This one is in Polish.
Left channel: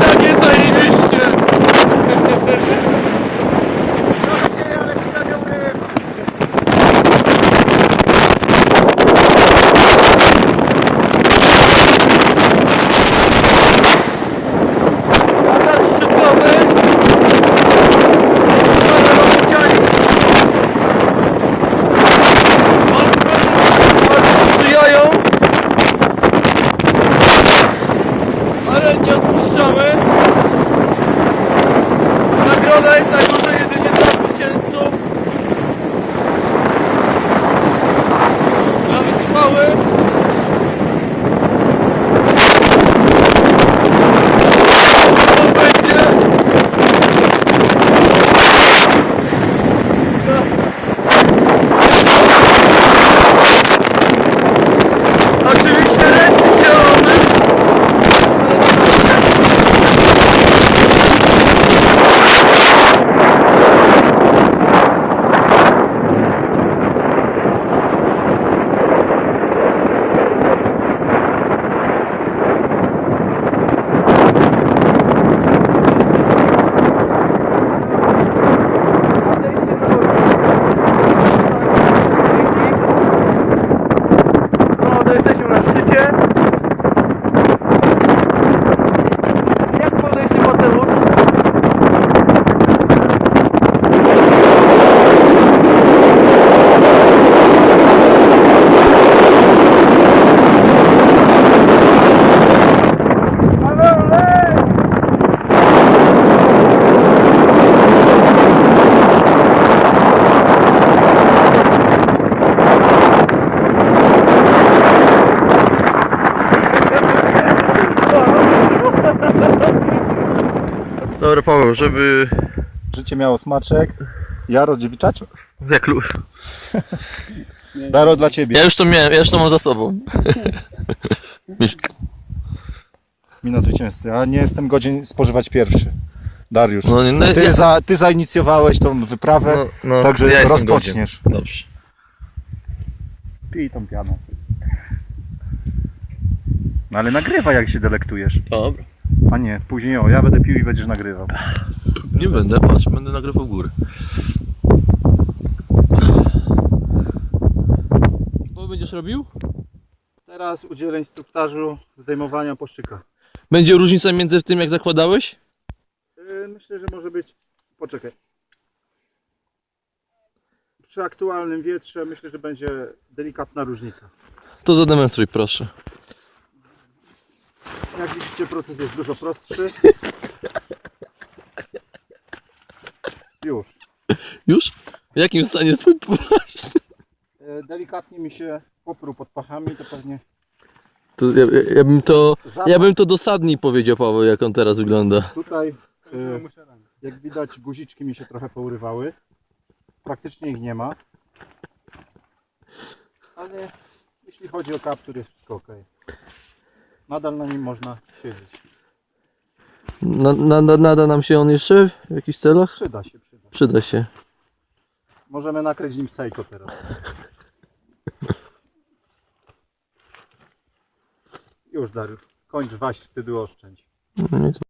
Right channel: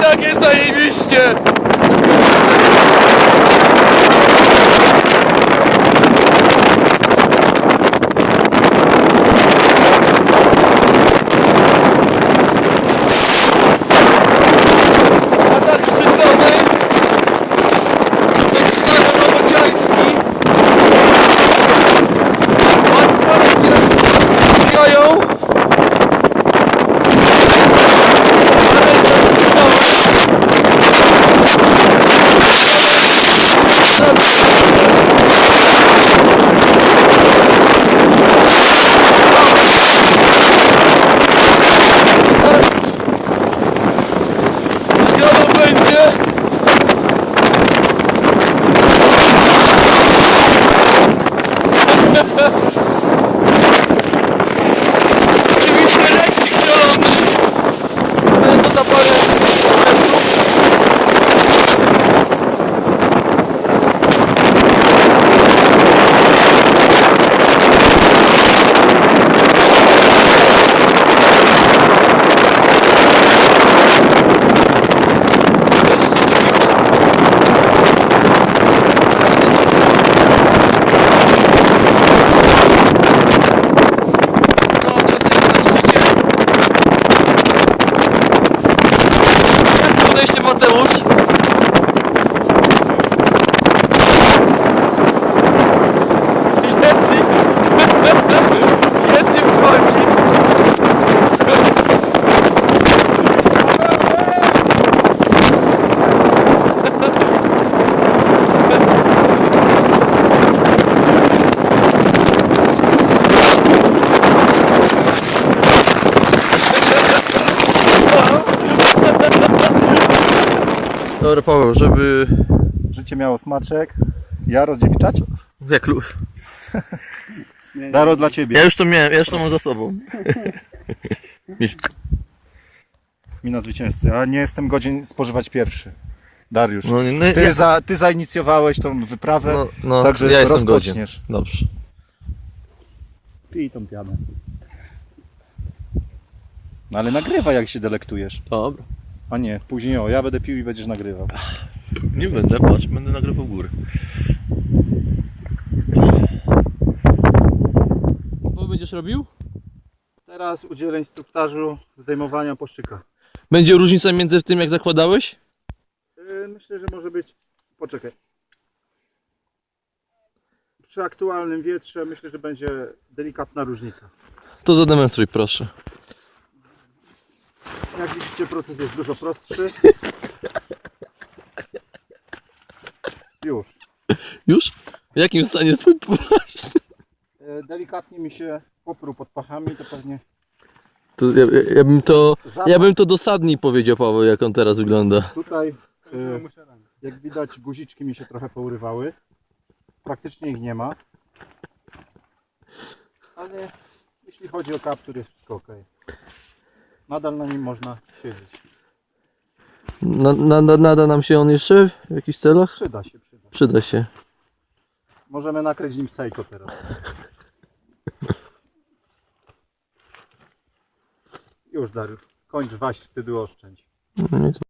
nie, ale i tak Dobra Paweł, żeby... Życie miało smaczek. Ja rozdziewczać? Jak lu... Daro dla ciebie. Ja już to miałem, ja już to mam za sobą. Mina zwycięzcy. A nie jestem godzien spożywać pierwszy. Dariusz. No, nie, no, ty, ja- za, ty zainicjowałeś tą wyprawę, No, no, także ja jestem rozpoczniesz. Dobrze. Pij tą pianą. No ale nagrywa jak się delektujesz. Dobra. A nie, później o, ja będę pił i będziesz nagrywał. Nie będę, patrz, będę nagrywał góry. Co będziesz robił? Teraz udzielę instruktażu zdejmowania poszczyka. Będzie różnica między tym jak zakładałeś? Yy, Myślę, że może być. Poczekaj. Przy aktualnym wietrze myślę, że będzie delikatna różnica. To zademonstruj proszę. Jak widzicie, proces jest dużo prostszy. Już. Już? W jakim stanie jest twój płaszcz? E, Delikatnie mi się popruł pod pachami, to pewnie To ja, ja, ja bym to... Ja bym to dosadniej powiedział Paweł, jak on teraz wygląda. tutaj, e, jak widać, guziczki mi się trochę pourywały. Praktycznie ich nie ma. Ale jeśli chodzi o kaptur, jest wszystko ok. Nadal na nim można siedzieć. Na, na, na, nada nam się on jeszcze w jakichś celach? Przyda się, przyda. Przyda się. Możemy nakryć nim sejko teraz. Już Dariusz, kończ waść wstydu oszczędź. No to